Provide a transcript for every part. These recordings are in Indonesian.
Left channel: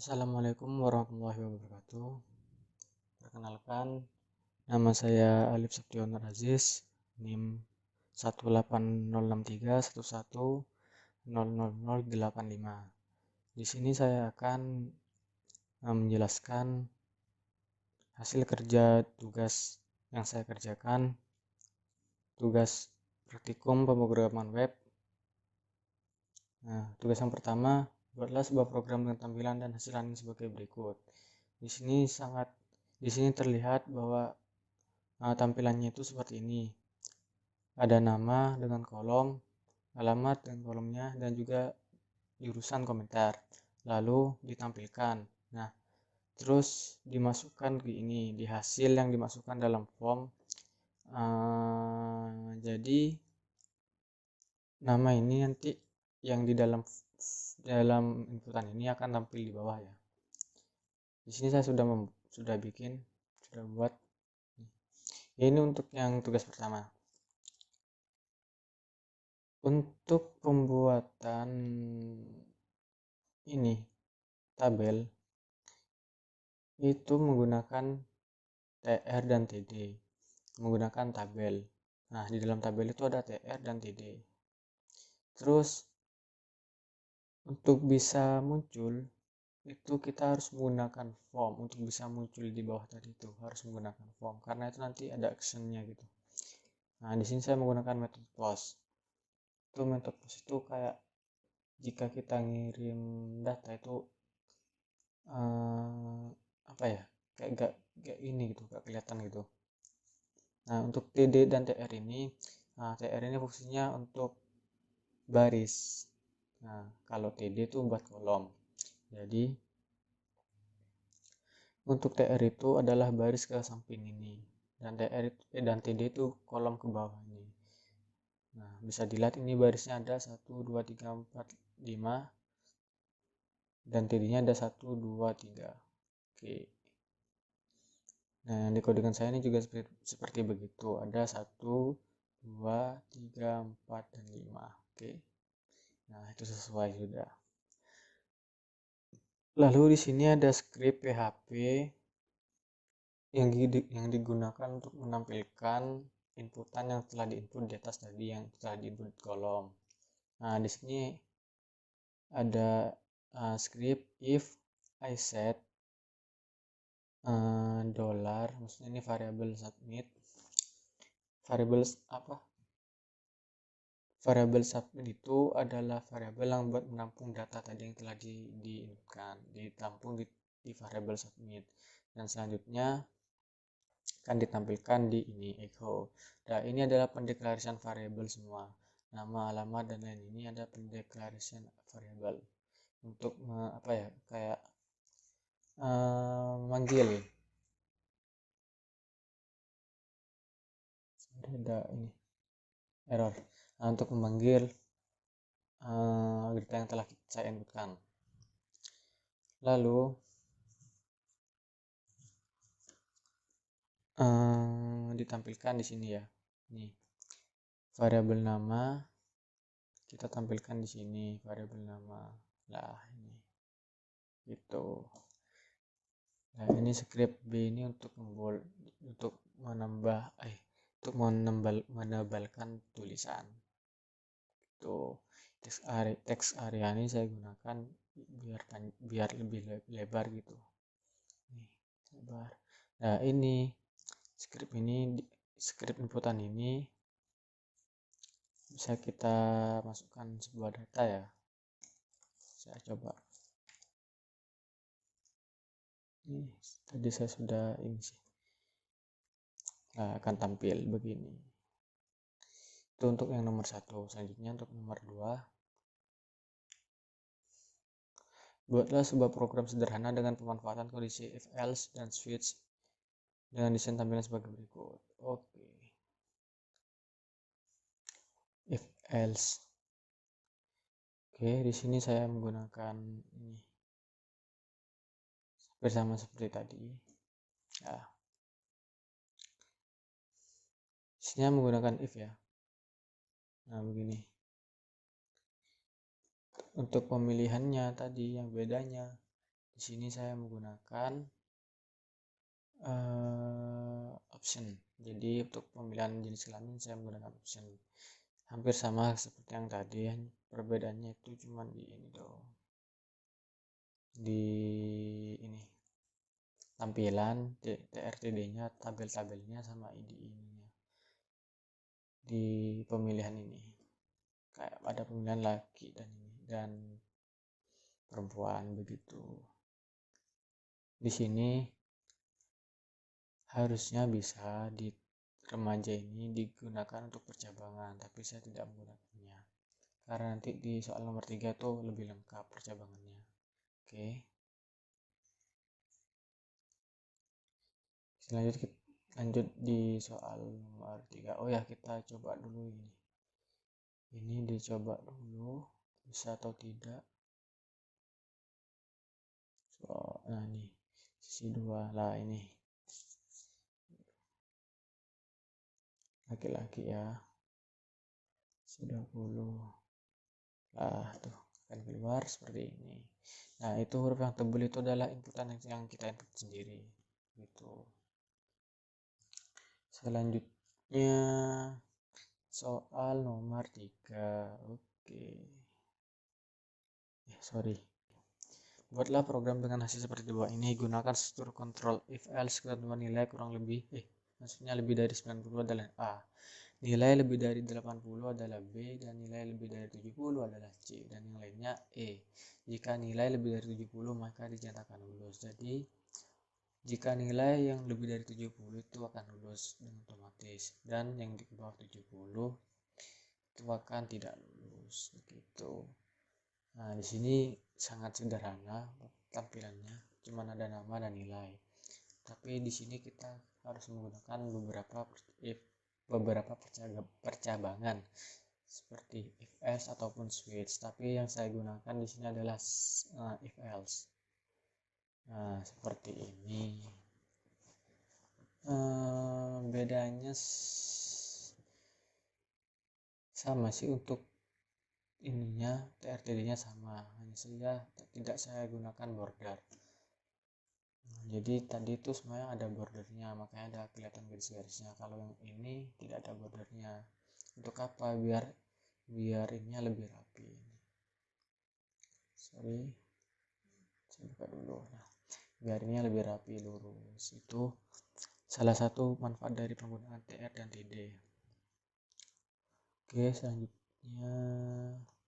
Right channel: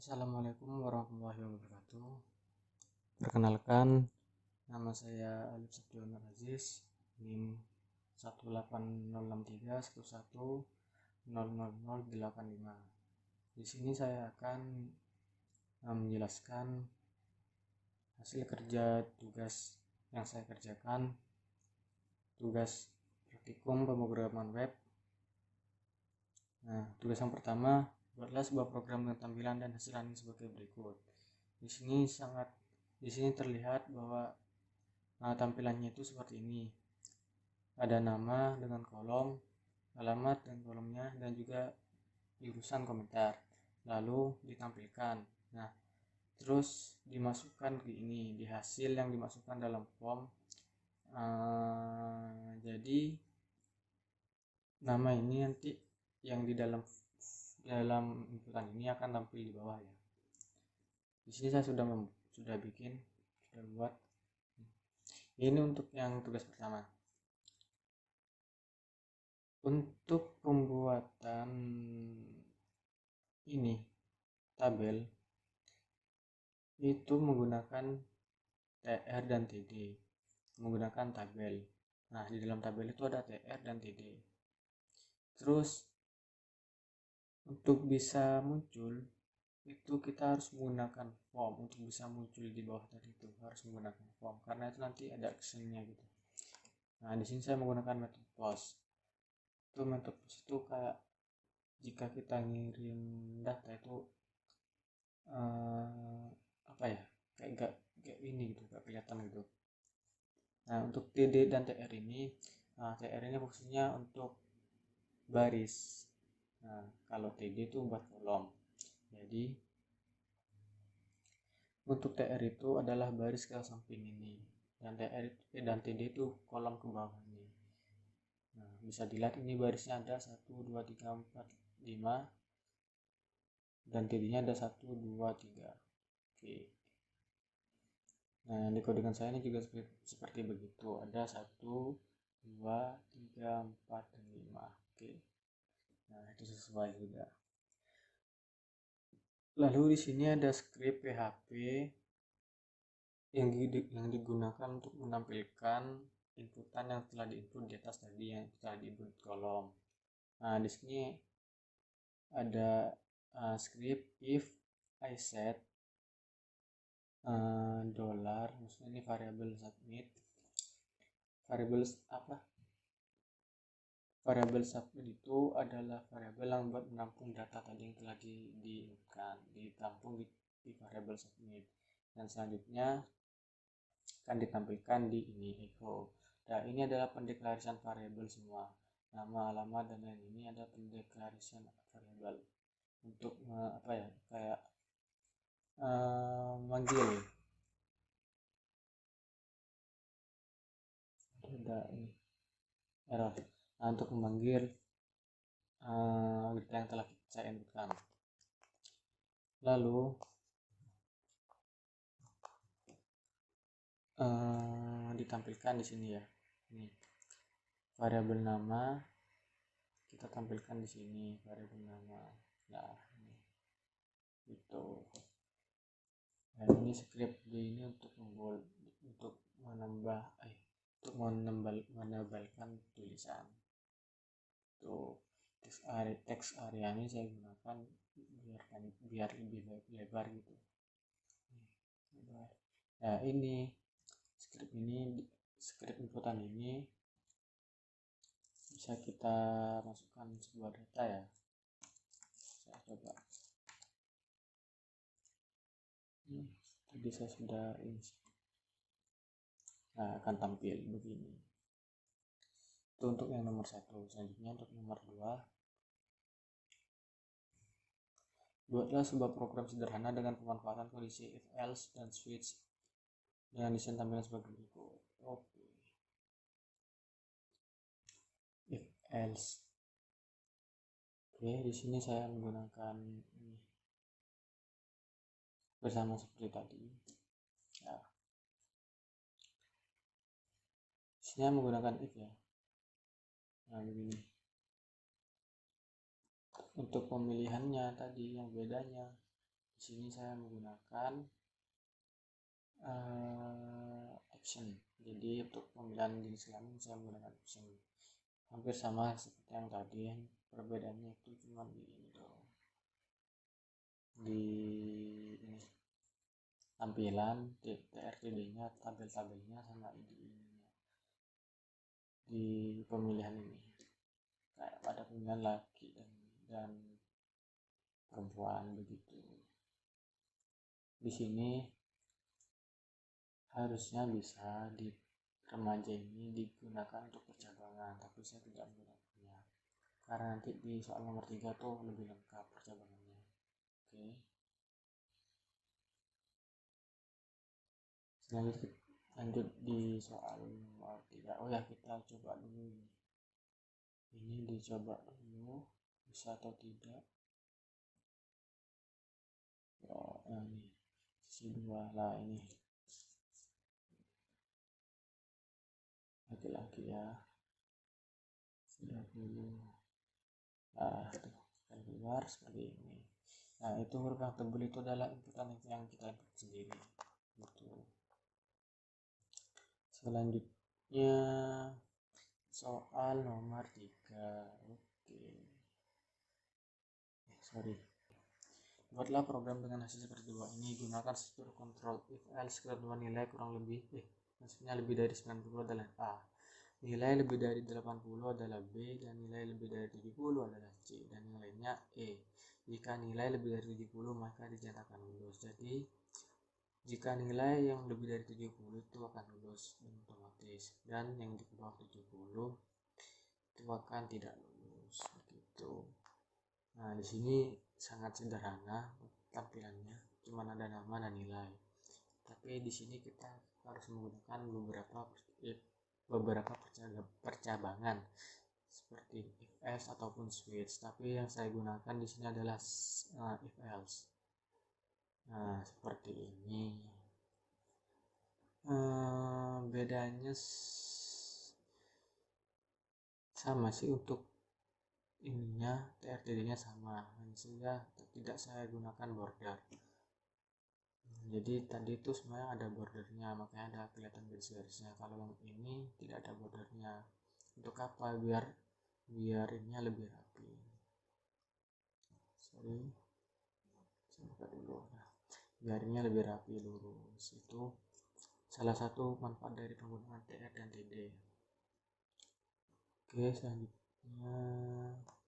Assalamualaikum warahmatullahi wabarakatuh. Perkenalkan, nama saya Alif Septiono Aziz, NIM 1806311000085. Di sini saya akan menjelaskan hasil kerja tugas yang saya kerjakan, tugas praktikum pemrograman web. Nah, tugas yang pertama, buatlah sebuah program dengan tampilan dan hasilannya sebagai berikut. Di sini terlihat bahwa tampilannya itu seperti ini. Ada nama dengan kolom, alamat dengan kolomnya, dan juga jurusan komentar. Lalu ditampilkan. Nah, terus dimasukkan ke ini, di hasil yang dimasukkan dalam form. Jadi nama ini nanti yang di dalam inputan ini akan tampil di bawah ya. Di sini saya sudah membuat. Ini untuk yang tugas pertama. Untuk pembuatan ini tabel itu menggunakan TR dan TD, menggunakan tabel. Nah, di dalam tabel itu ada TR dan TD. Terus untuk bisa muncul itu kita harus menggunakan form. Untuk bisa muncul di bawah tadi itu harus menggunakan form, karena itu nanti ada actionnya gitu. Nah, di sini saya menggunakan metode post. Itu metode post itu kayak jika kita ngirim data itu apa ya, kayak gak ini gitu, gak kelihatan gitu. Nah, untuk TD dan TR ini, TR ini fungsinya untuk baris. Nah, kalau TD itu buat kolom. Jadi untuk TR itu adalah baris ke samping ini, dan TD itu kolom ke bawah ini. Nah, bisa dilihat ini barisnya ada 1 2 3 4 5, dan TD-nya ada 1 2 3. Oke. Nah, di codingan saya ini juga seperti begitu. Ada 1 2 3 4 dan 5. Oke. Nah, itu sesuai sudah. Lalu di sini ada script PHP yang digunakan untuk menampilkan inputan yang telah diinput di atas tadi, yang telah diinput kolom. Nah, di sini ada script if I set dollar, maksudnya ini variable submit. Variable submit itu adalah variabel yang buat menampung data tadi yang telah diinputkan, ditampung di variable submit, dan selanjutnya akan ditampilkan di ini echo. Nah, ini adalah pendeklarasian variabel semua, nama, alamat, dan lain. Ini ada pendeklarasian variabel untuk kayak manggil. Ada ini error. Nah, untuk memanggil data yang telah saya inputkan. Lalu ditampilkan di sini ya. Ini variabel nama kita tampilkan di sini, variabel nama. Nah, ini gitu. Nah, ini script B ini untuk menebalkan tulisan. Itu teks area ini saya gunakan biar lebih lebar gitu. Nih, lebar. Nah, ini script inputan ini bisa kita masukkan sebuah data ya. Saya coba. Ini tadi saya sudah ini sih. Nah, akan tampil begini. Itu untuk yang nomor 1. Selanjutnya untuk nomor 2. Buatlah sebuah program sederhana dengan pemanfaatan kondisi if else dan switch dengan desain tampilan sebagai berikut. Oke. If else. Oke, di sini saya menggunakan ini bersama seperti tadi. Nah, sini menggunakan if ya. Nah, begini. Untuk pemilihannya tadi yang bedanya, Di sini saya menggunakan option. Jadi untuk pemilihan jenis kelamin saya menggunakan option. Hampir sama seperti yang tadi, perbedaannya itu cuma di ini doang. Di ini tampilan TRTD-nya, tabel-tabelnya sama ID-nya. Di pemilihan ini kayak ada pemilihan laki dan perempuan begitu. Di sini harusnya bisa di remaja ini digunakan untuk percabangan, tapi saya tidak menggunakannya karena nanti di soal nomor 3 tuh lebih lengkap percabangannya. Oke, selanjutnya lanjut di soal nomor 3. Oh ya, kita coba dulu ini dicoba dulu bisa atau tidak. Nah ini sisi 2 lah, ini laki-laki ya, 20 lah tuh akan keluar seperti ini. Nah itu huruf yang tebal itu adalah inputan yang kita input sendiri gitu. Selanjutnya soal nomor 3. Oke, sorry. Buatlah program dengan hasil seperti di bawah ini. Gunakan struktur kontrol if else ketentuan nilai kurang lebih maksudnya lebih dari 90 adalah A, nilai lebih dari 80 adalah B, dan nilai lebih dari 70 adalah C, dan yang lainnya E. Jika nilai lebih dari 70 maka dinyatakan lulus. Jadi jika nilai yang lebih dari 70 itu akan lulus dengan otomatis, dan yang di bawah 70 itu akan tidak lulus begitu. Nah, di sini sangat sederhana tampilannya, cuma ada nama dan nilai. Tapi di sini kita harus menggunakan beberapa percabangan seperti if else ataupun switch. Tapi yang saya gunakan di sini adalah if else. Nah, seperti ini. Bedanya sama sih untuk ininya, TRTD-nya sama, hanya saja tidak saya gunakan border. Jadi tadi itu sebenarnya ada bordernya, makanya ada kelihatan garis-garisnya. Kalau yang ini tidak ada bordernya. Untuk apa? Biar ininya lebih rapi. Sorry, saya buka dulu. Nah, biar ininya lebih rapi, lurus. Itu salah satu manfaat dari penggunaan TR dan TD. Oke, selanjutnya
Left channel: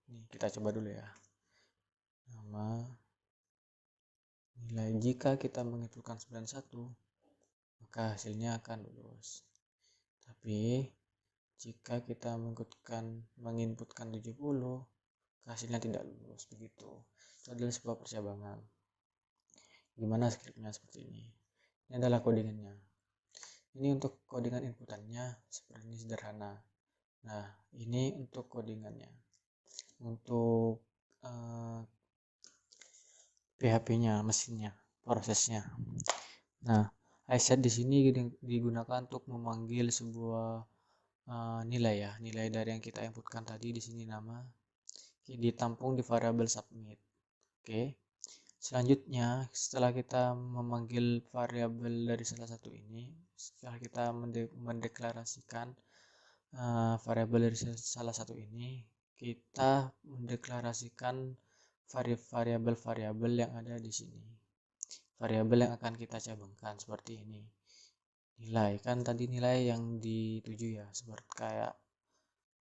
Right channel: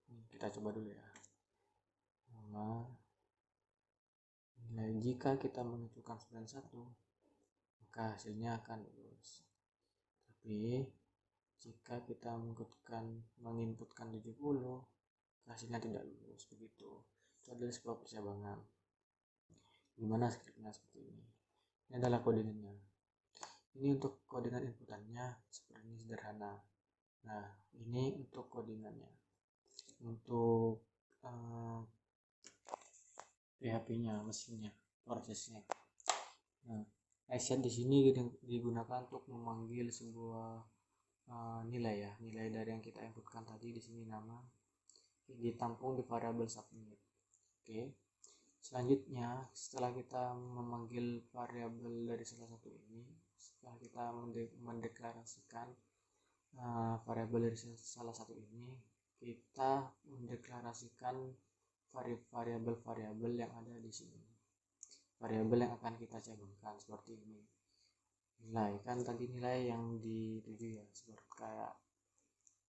nih kita coba dulu ya. Nama, nilai. Jika kita menginputkan 91 maka hasilnya akan lulus. Tapi jika kita menginputkan 70 hasilnya tidak lulus begitu. Itu adalah sebuah percabangan. Gimana skripnya seperti ini. Ini adalah codingannya. Ini untuk codingan inputannya seperti ini, sederhana. Nah, ini untuk codingannya. Untuk PHP-nya, mesinnya, prosesnya. Nah, iset di sini digunakan untuk memanggil sebuah nilai ya, nilai dari yang kita inputkan tadi. Di sini nama ditampung di variabel submit. Oke. Selanjutnya, setelah kita memanggil variabel dari salah satu ini, setelah kita mendeklarasikan variabel dari salah satu ini, kita mendeklarasikan variabel-variabel yang ada di sini. Variabel yang akan kita cabangkan seperti ini. Nilai kan tadi nilai yang dituju ya, seperti kayak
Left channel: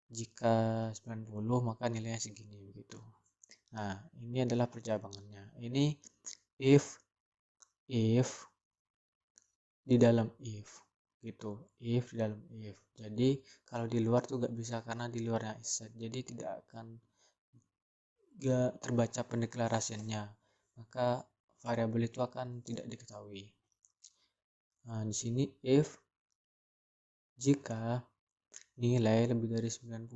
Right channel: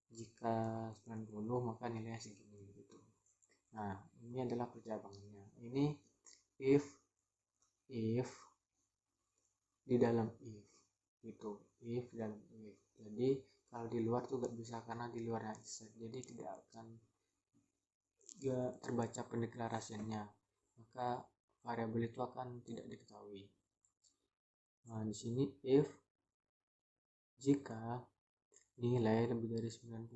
jika 90 maka nilainya segini begitu. Nah, ini adalah percabangannya. Ini if di dalam if gitu, if di dalam if. Jadi kalau di luar tuh gak bisa karena di luarnya iset, jadi tidak akan terbaca pendeklarasiannya, maka variabel itu akan tidak diketahui. Nah, di sini if jika nilai lebih dari 90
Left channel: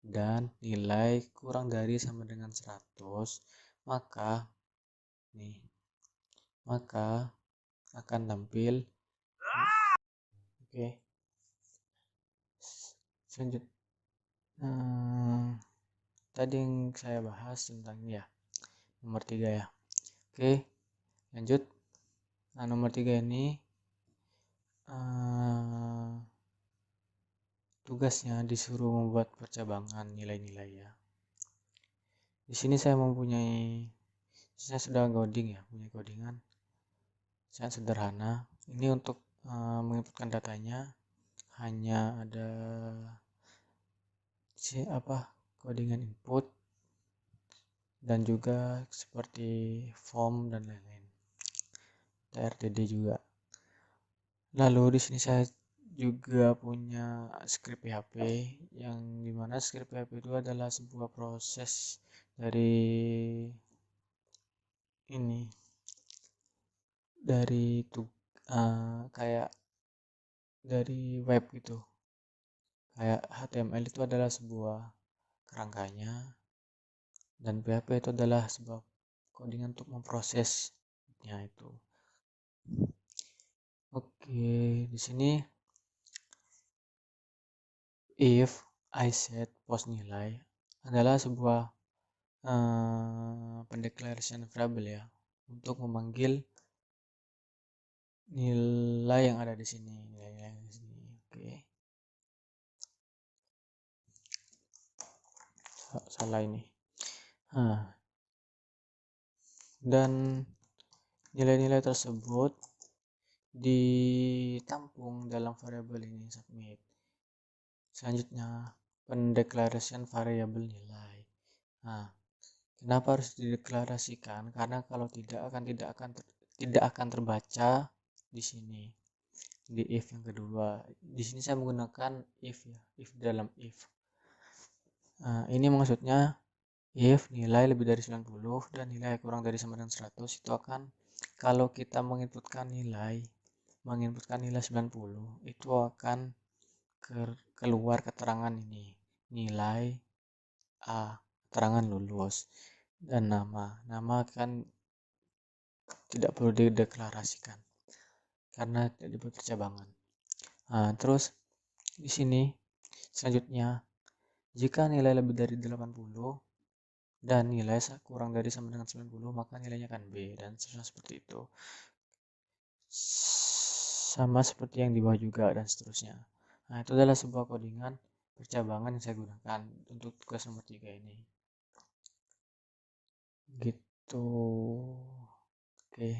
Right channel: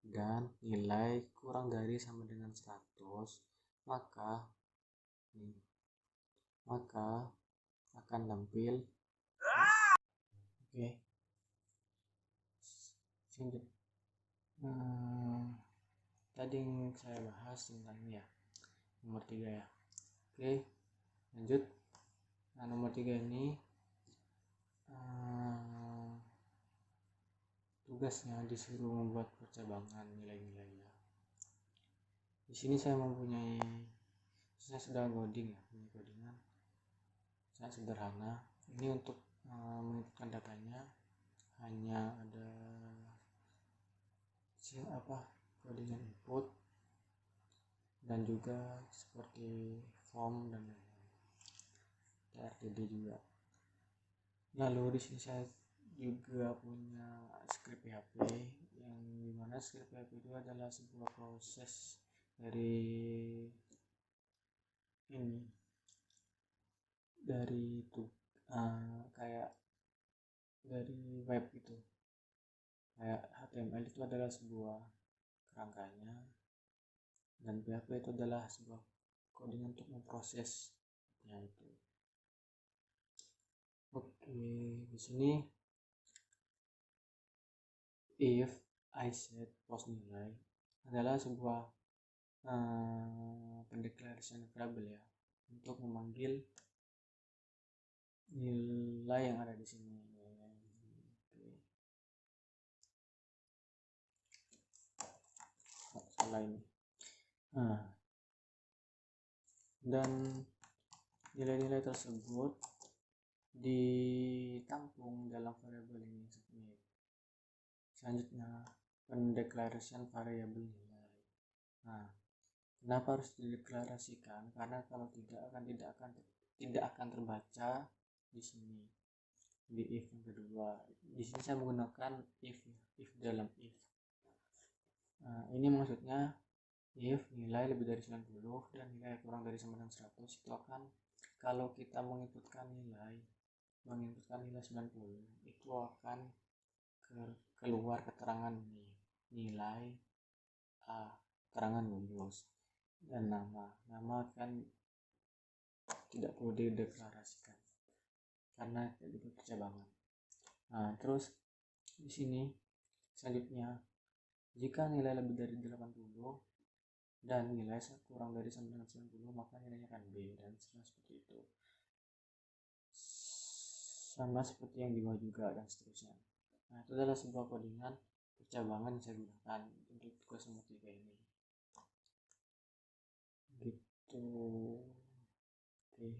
dan nilai kurang dari sama dengan 100, maka akan tampil oke. Selanjutnya tadi yang saya bahas tentang ya nomor 3 ya. Oke, lanjut. Nah, nomor 3 ini tugasnya disuruh membuat percabangan nilai-nilai ya. Di sini saya sudah coding ya, punya codingan sangat sederhana. Ini untuk menginputkan datanya hanya ada codingan input dan juga seperti form dan lain-lain, TRDD juga. Lalu di sini saya juga punya script PHP, yang dimana script PHP itu adalah sebuah proses dari kayak dari web gitu. Kayak HTML itu adalah sebuah kerangkanya, dan PHP itu adalah sebuah coding untuk memprosesnya itu. Oke, di sini if I set post nilai adalah sebuah pendeklarasian variable ya, untuk memanggil nilai yang ada di sini, nilai yang di sini. Oke. Salah ini. Dan nilai-nilai tersebut ditampung dalam variabel ini submit. Selanjutnya pendeklarasian variabel nilai. Nah, kenapa harus dideklarasikan? Karena kalau tidak akan terbaca di sini, di if yang kedua. Di sini saya menggunakan if ya, if dalam if. Nah, ini maksudnya if nilai lebih dari 90 dan nilai kurang dari sama dengan 100, itu akan, kalau kita menginputkan nilai 90, itu akan keluar keterangan ini, nilai A, keterangan lulus, dan nama kan tidak perlu dideklarasikan karena tidak dibuat percabangan. Nah, terus di sini selanjutnya, jika nilai lebih dari 80 dan nilai kurang dari sama dengan 90, maka nilainya akan B, dan seterusnya seperti itu. Sama seperti yang di bawah juga, dan seterusnya. Nah, itu adalah sebuah codingan percabangan yang saya gunakan untuk tugas nomor 3 ini. Gitu. Oke.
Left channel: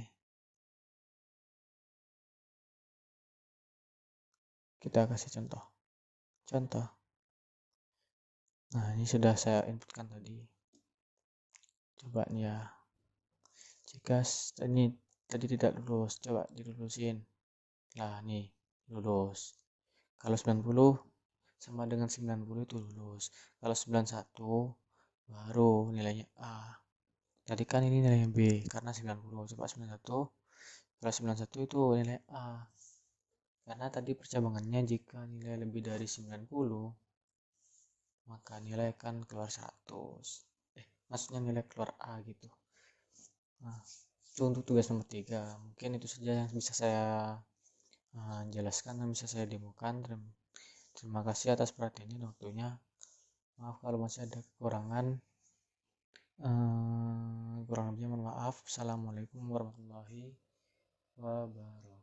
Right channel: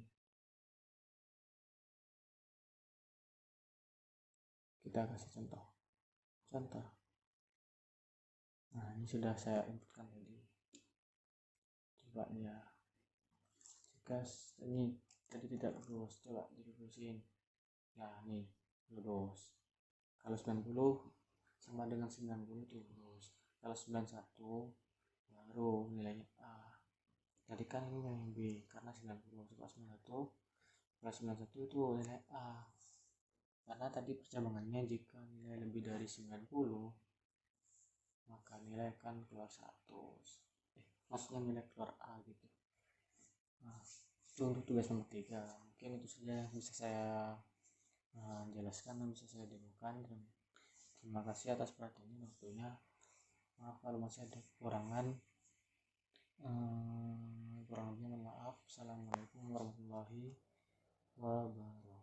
Kita kasih contoh. Nah, ini sudah saya inputkan tadi. Coba nih ya. Jika ini tadi tidak lulus, coba dilulusin. Nah, nih lulus. Kalau 90 sama dengan 90 itu lulus. Kalau 91 baru nilainya A. Tadi kan ini nilainya B karena 90. Coba 91. Kalau 91 itu nilai A. Karena tadi percabangannya jika nilai lebih dari 90, maka nilai akan keluar 100. Maksudnya nilai keluar A gitu. Nah, itu untuk tugas nomor 3. Mungkin itu saja yang bisa saya jelaskan dan bisa saya demokan. Terima kasih atas perhatiannya dan waktunya. Maaf kalau masih ada kekurangan. Kurang lebihnya mohon maaf. Assalamualaikum warahmatullahi wabarakatuh.